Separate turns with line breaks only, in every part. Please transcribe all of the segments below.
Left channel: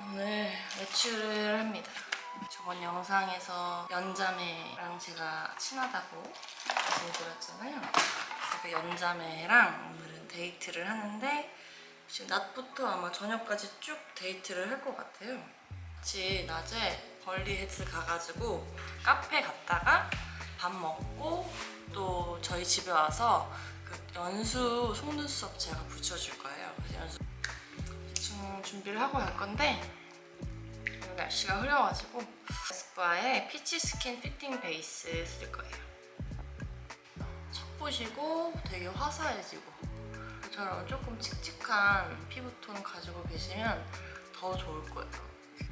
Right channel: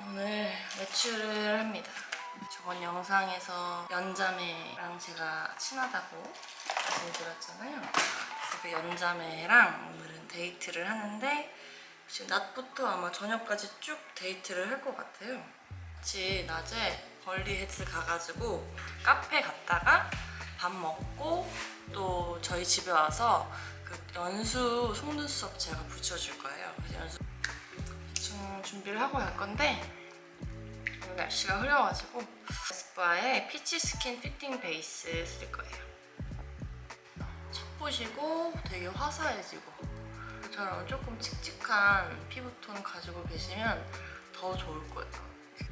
오늘 외출을 합니다. 저번 영상에서 연자매랑 제가 친하다고 말씀드렸잖아요. 그래서 그 연자매랑 오늘은 데이트를 하는데 지금 낮부터 아마 저녁까지 쭉 데이트를 할 것 같아요. 같이 낮에 벌리 헤드 가가지고 카페 갔다가 밥 먹고 또 저희 집에 와서 그 연수 속눈썹 제가 붙여줄 거예요. 연수 대충 준비를 하고 갈 건데 날씨가 흐려가지고 에스쁘아의 피치 스킨 피팅 베이스 쓸 거예요. 척부시고 되게 화사해지고 저처럼 조금 칙칙한 피부톤 가지고 계시면 더 좋을 거예요.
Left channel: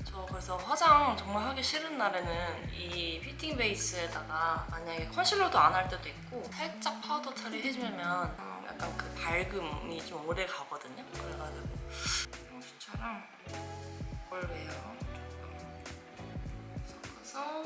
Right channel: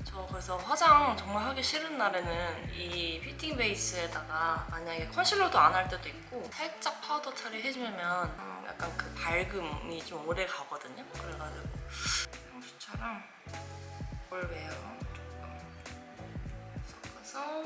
저 그래서 화장 정말 하기 싫은 날에는 이 피팅 베이스에다가 만약에 컨실러도 안 할 때도 있고 살짝 파우더 처리 해주면 음, 약간 그 밝음이 좀 오래 가거든요. 그래가지고 향수처럼 올웨어 조금 섞어서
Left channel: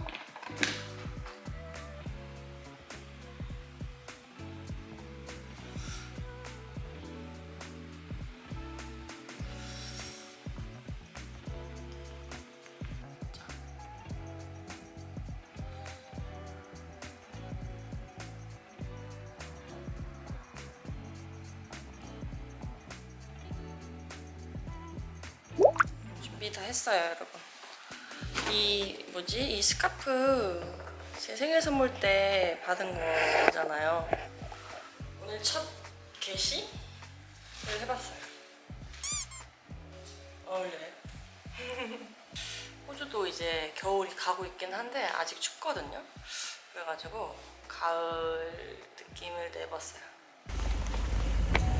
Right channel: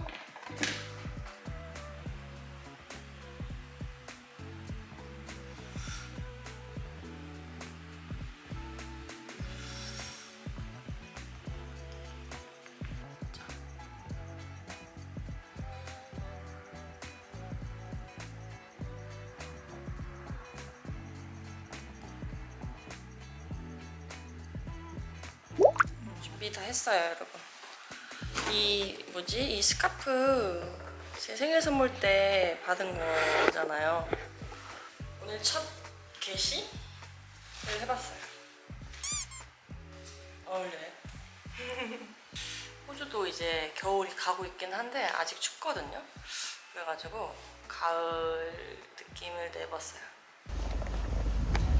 준비 다 했어요, 여러분. 이 뭐지? 이 스카프 제 생일 선물 때 받은 거잖아요. 오늘 첫 게시를 해봤어요. 어울려요? 호주도 이제 겨울이 가고 있긴 한데 아직 춥거든요. 그래가지고 가을 느낌을 내봤어요.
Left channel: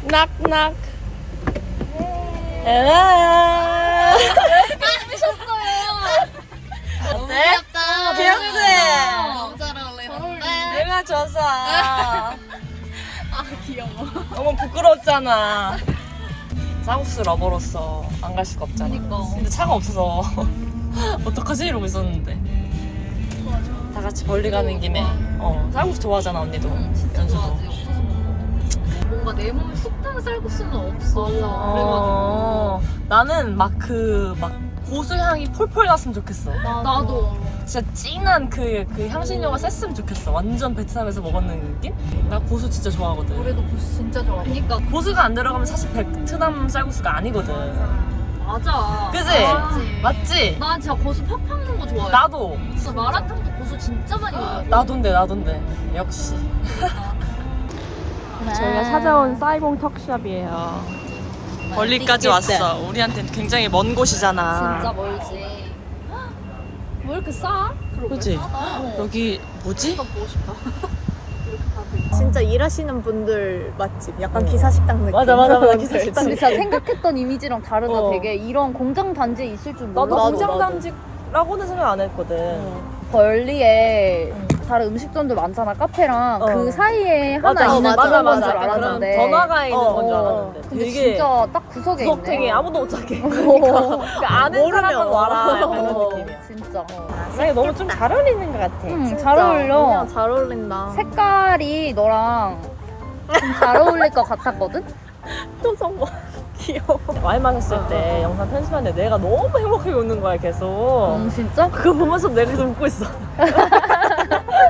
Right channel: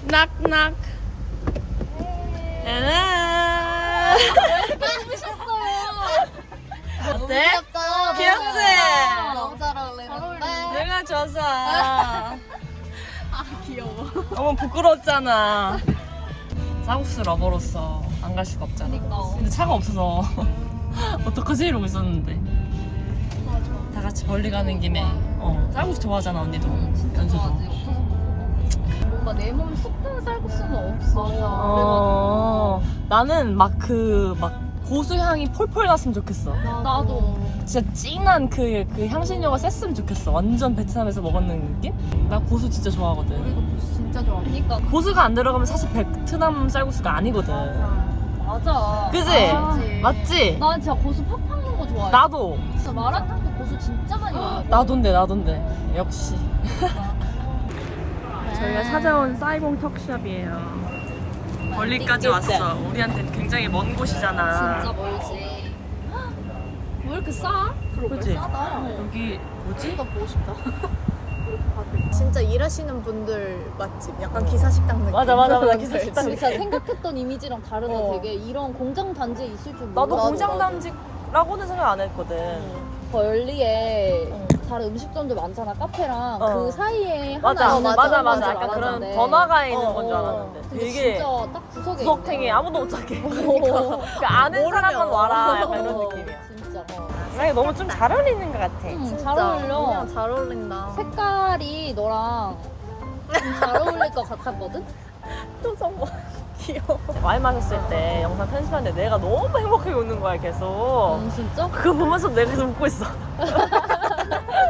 낙낙. 에라. 어때? 귀엽지?
너무 잘 어울리는데.
내가 져서. 아 귀여워. 너무 부끄럽잖아. 쌍국수 러버로서 안 갈 수가 없잖아.
그니까.
근데 차가 없어서 어떡하지 이러고 있었는데. 다 같이 멀리 가는 김에 어 쌀국수 좋아하잖아 언니도 연수도.
뭔가 내 몸에 쑥한 쌀국수는 없어.
어 나는 막 그 막 고수 향이 폴폴 났으면 좋겠어.
나도.
진짜 진한 그, 그 향신료가 셌으면 좋겠어. 완전 베트남에서 먹었는 느낌? 나 고수 진짜 좋아하거든.
우리도 고수 진짜 좋아. 그니까.
고수가 안 들어가면 사실 베트남 쌀국수가 아니거든.
맞아.
그지?
맞지.
맞지?
나 진짜 고수 팍팍 넣는 거 좋아해.
나도.
진짜 마라탕도 고수 진짜 많이 먹어.
나돈데 나돈데. 역시. 저희가 찾아온 사이공 턱샵이에요. 멀리까지 왔어. 우리한테는 굉장히 먼 곳이잖아.
진짜 멀지. 왜 이렇게 싸? 그러게
그치?
싸다.
여기 뭐지?
보고 싶다. 이렇게 다들 진짜 일하시는 분들 맛집, 약간
어.
기사식당 느낌.
맞아, 맞아, 맞아. 기사식당
진짜 생각했던 이미지랑 다르다
어.
되게 이런 공장 단지에 있을 줄
나도
몰랐어.
공장 단지라고는 생각 안 했거든.
벌리에
응.
다른 음식점도 많잖아 카페랑
어.
그 사이에
맞아,
하나 있는
맞아,
그런
맞아.
건
약간
줄
그런
알았는데.
번화가에 있는
어,
건줄
어.
알았는데
근데
되게
진짜 딱 구석에
구석탱이. 아무도 못 찾게. 그 아는 사람만 와라 약간 이런
어.
느낌이야.
진짜 어.
아니 너무 좀 잘 어울리는 것 같아.
응, 잘 어울려
그냥 잘 어울린다.
색깔이 너랑 좀 잘 어울릴 것 같았거든?
표정 봐. 귀여워.
와인 마셨을 때 영상 편집하는데 내가 너무 행복하게 웃는 거야 계속.
음, 진짜?
그거 보면서 내가 계속 웃고 있어.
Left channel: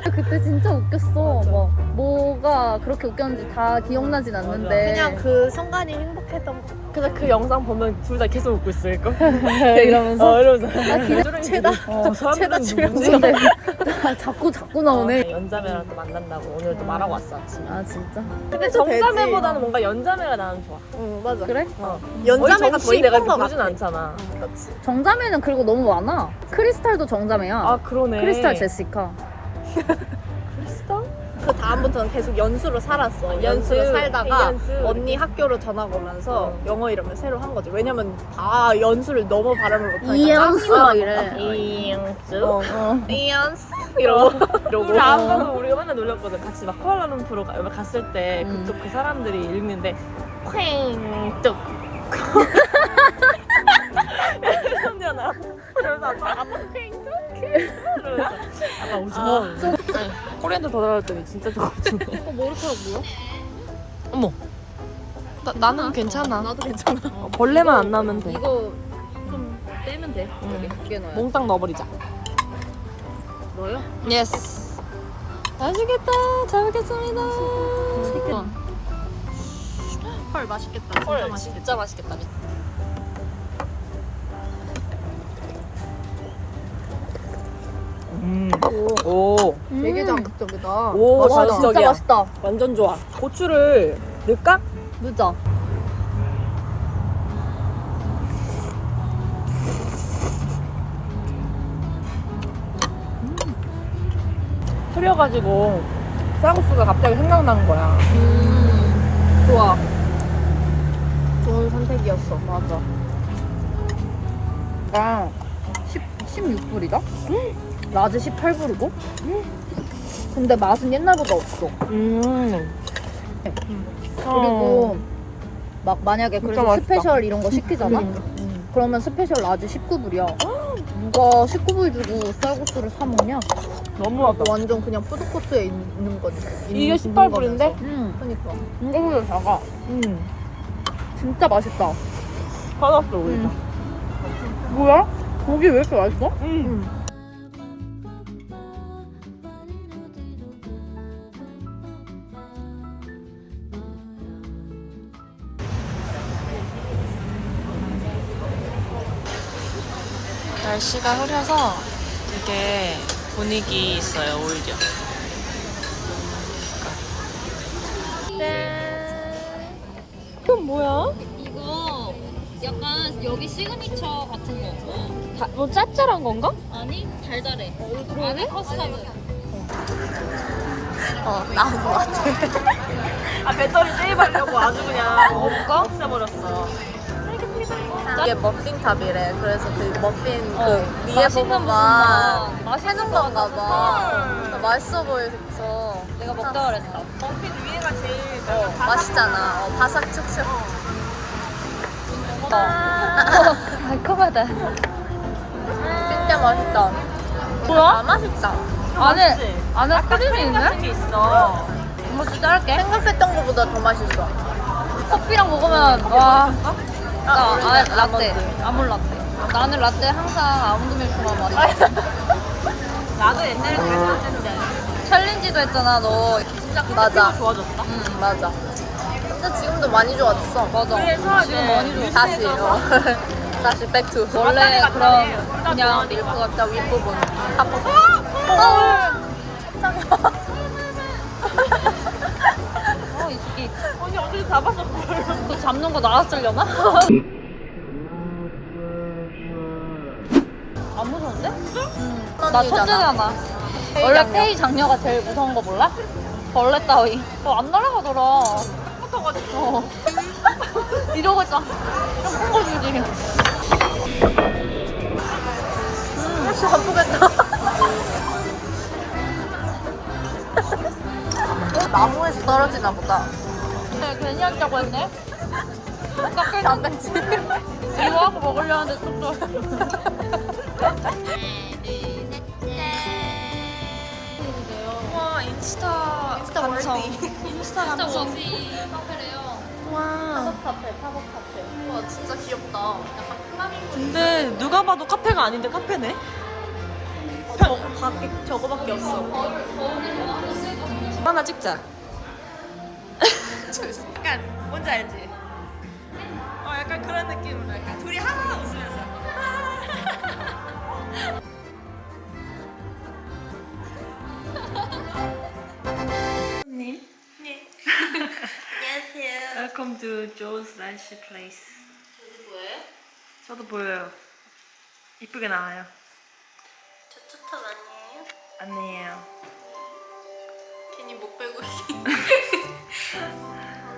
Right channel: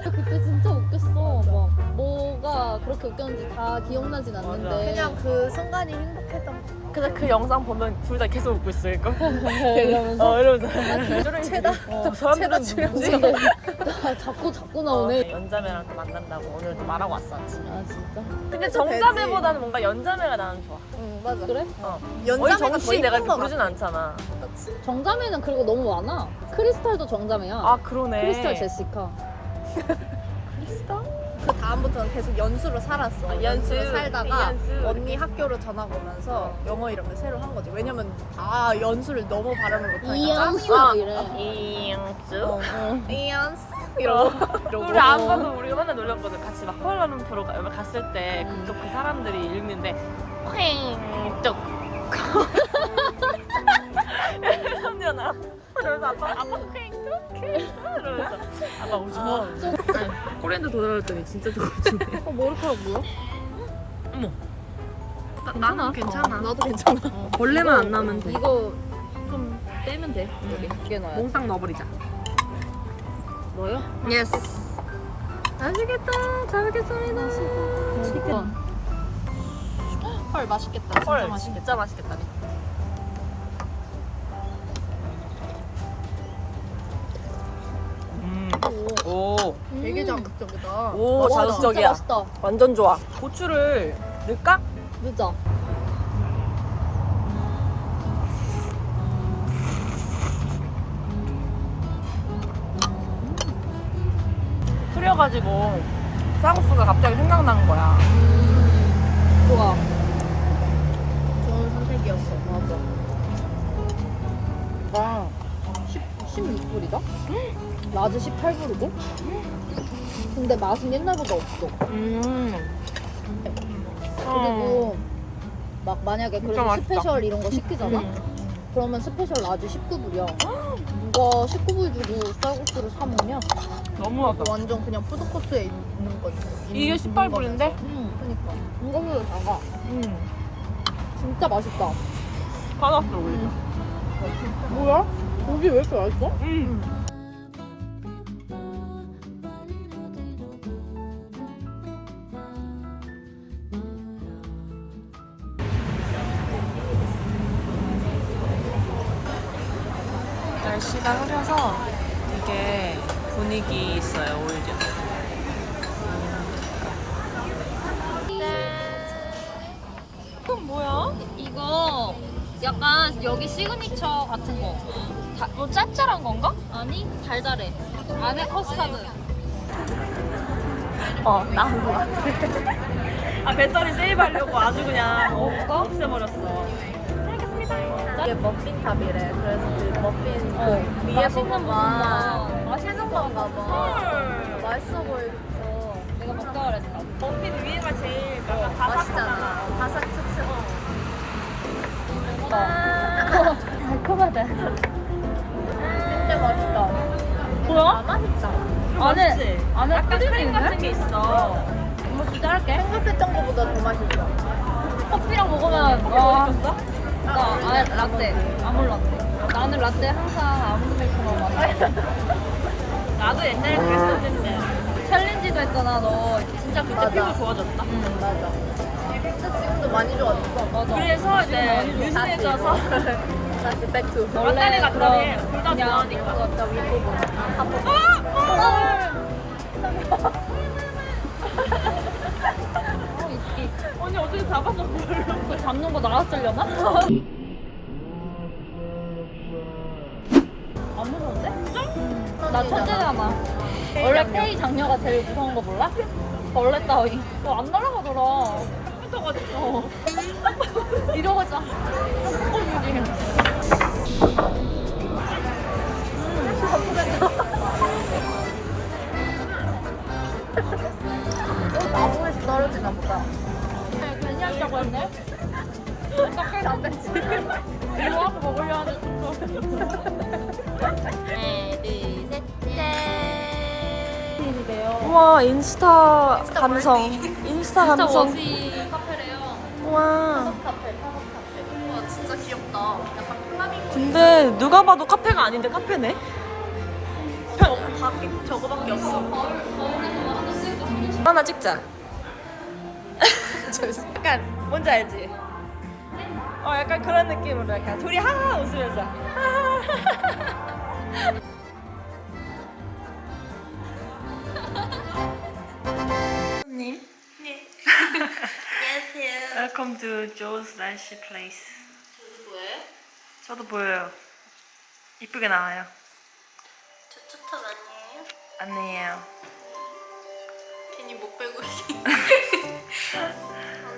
그때 진짜 웃겼어 뭐, 뭐가 그렇게 웃겼는지 다 기억나진 않는데
그냥 그 순간이 행복했던.
그래서 그 영상 보면 둘 다 계속 웃고 있을걸?
이러면서
어 이러면서. 쪼랭이들이 저 사람들은 누구지?
자꾸 자꾸
어,
나오네
연자매랑 또 만난다고 오늘 또 말하고 왔어 아침에.
아 진짜?
근데 정자매보다는 뭔가 연자매가 나는 좋아.
응, 맞아.
그래?
어. 어이
더
정씨 내가 이렇게
것
부르진. 않잖아.
그렇지.
정자매는 그리고 너무 많아 크리스탈도 정자매야
아 그러네.
크리스탈 제시카
크리스탈?
다음부터는 계속 연수로 살았어.
아, 연수.
연수로 살다가
연수.
언니 학교로 전학 오면서
어.
영어 이름을 새로 한 거지. 왜냐면 다 연수를 너무 발음을 못하니까.
이연수
어.
이래.
어. 이연수 이러고.
우리 아빠도 우리가 맨날 놀렸거든. 같이 막 가- 갔을 때
음.
그쪽 그 사람들이 읽는데 쾅뚝. 언니야 나. 그러면서 아빠 아빠 쾅뚝 이러면서 아빠 웃어. 코리안도 더 달았더니 진짜.
어, 머리카락 뭐야?
어머. 나, 나는 괜찮아.
나도 괜찮아.
벌레만 안 나면 돼.
이거 좀
떼면 돼. 여기 두개 넣어야 돼.
몽땅 넣어버리자.
넣어요?
예스.
맛있겠다. 잘 먹겠습니다. 맛있겠다.
헐 맛있겠다. 진짜 맛있겠다.
진짜 맛있겠다.
음. 오.
되게 자극적이다.
오,
맛있다.
자극적이야.
진짜 맛있다.
완전 좋아. 고추를 넣을까?
늦어.
끓여가지고 쌀국수가 갑자기 생각나는 거야.
좋아. 좋은 선택이었어. 맞아.
아,
16불이다? 낮에 18불이고? 근데 맛은 옛날보다 없어.
음.
그리고
어.
막 만약에
진짜
그래서
맛있다.
스페셜 이런 거 시키잖아?
음.
음, 그러면 스페셜 낮에 19불이야. 누가 19불 주고 쌀국수를 사 먹냐?
너무하다.
완전 그냥 푸드코트에 있는 거지.
이게 18불인데?
음,
그러니까.
이거보다 작아.
음.
진짜 맛있다.
화났어, 우리가.
뭐야? 고기 왜 이렇게 맛있어?
음.
날씨가 흐려서 되게 분위기 있어요 오히려.
이거 약간 여기 시그니처 같은 거. 다, 뭐 짭짤한 건가? 아니 달달해. 안에 커스타드.
어 나온 것 같아.
아, 배터리 세이브하려고 아주 그냥 없애버렸어.
이게 머핀탑이래. 그래서 그 머핀 그 위에 부분만 맛있는 건가 봐. 맛있어 보여서.
내가 먹다 그랬어.
머핀 위에가 제일 약간
맛있잖아. 어, 바삭 축축.
달콤하다.
진짜 맛있다.
뭐야?
아 맛있다.
좀
안에-
맛있지?
안에
약간
크림?
같은 게 있어.
뭐좀 자를게.
생각했던 것보다 더 맛있어.
커피랑 먹으면
커피
와.
뭐 시켰어?
나 아, 라떼. 아몰 라떼. 나는 라떼 항상 아몬드 밀크만 마셔.
나도 옛날에 그랬었는데.
챌린지도 했잖아 너.
진짜 그때
맞아.
피부 좋아졌다.
응 맞아. 근데 지금도 많이 좋아졌어.
맞아.
그래서 이제 뉴스에서
다시 백투.
왔다리 갔다리 둘다
그냥
좋아하니까.
진짜 윗부분.
어, 잡는 거 나왔으려나? 안 무서운데? 나 천재잖아. 원래 K 장녀가 제일 무서운 거 몰라? 벌레 따위. 어, 안 날아가더라.
딱 붙어가지고.
이러고 있잖아. 꽁꽁이지.
진짜 아프겠다. 나무에서 떨어지나 보다.
근데 괜히 하려고 했네. 깎일
장난치.
이거 하고 먹으려는데 좀
우와 인스타 감성. 인스타 감성. 우와.
와 진짜 귀엽다.
근데 누가 봐도 카페가 아닌데 카페네?
저거밖에 없어.
하나 찍자.
약간 뭔지 알지? 어 약간 그런 느낌으로 약간 둘이 하하 웃으면서
님. 네. 안녕하세요. Welcome to Joe's Rice Place. 저도 보여요? 저도 보여요. 이쁘게 나와요.
저 초탑 아니에요?
아니에요.
괜히 목 빼고 있어.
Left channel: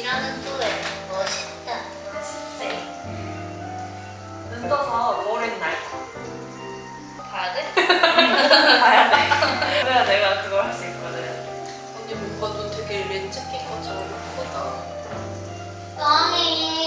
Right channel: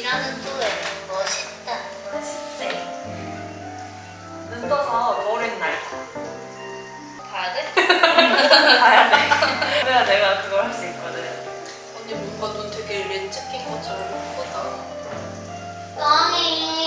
일하는 조에 멋있다.
눈 떠서 머리는 날.
봐야 돼?
봐야 돼. 그래야 내가 그걸 할 수 있거든.
언니 뭔가 눈 되게 렌즈 낀 것처럼 예쁘다. 깡이.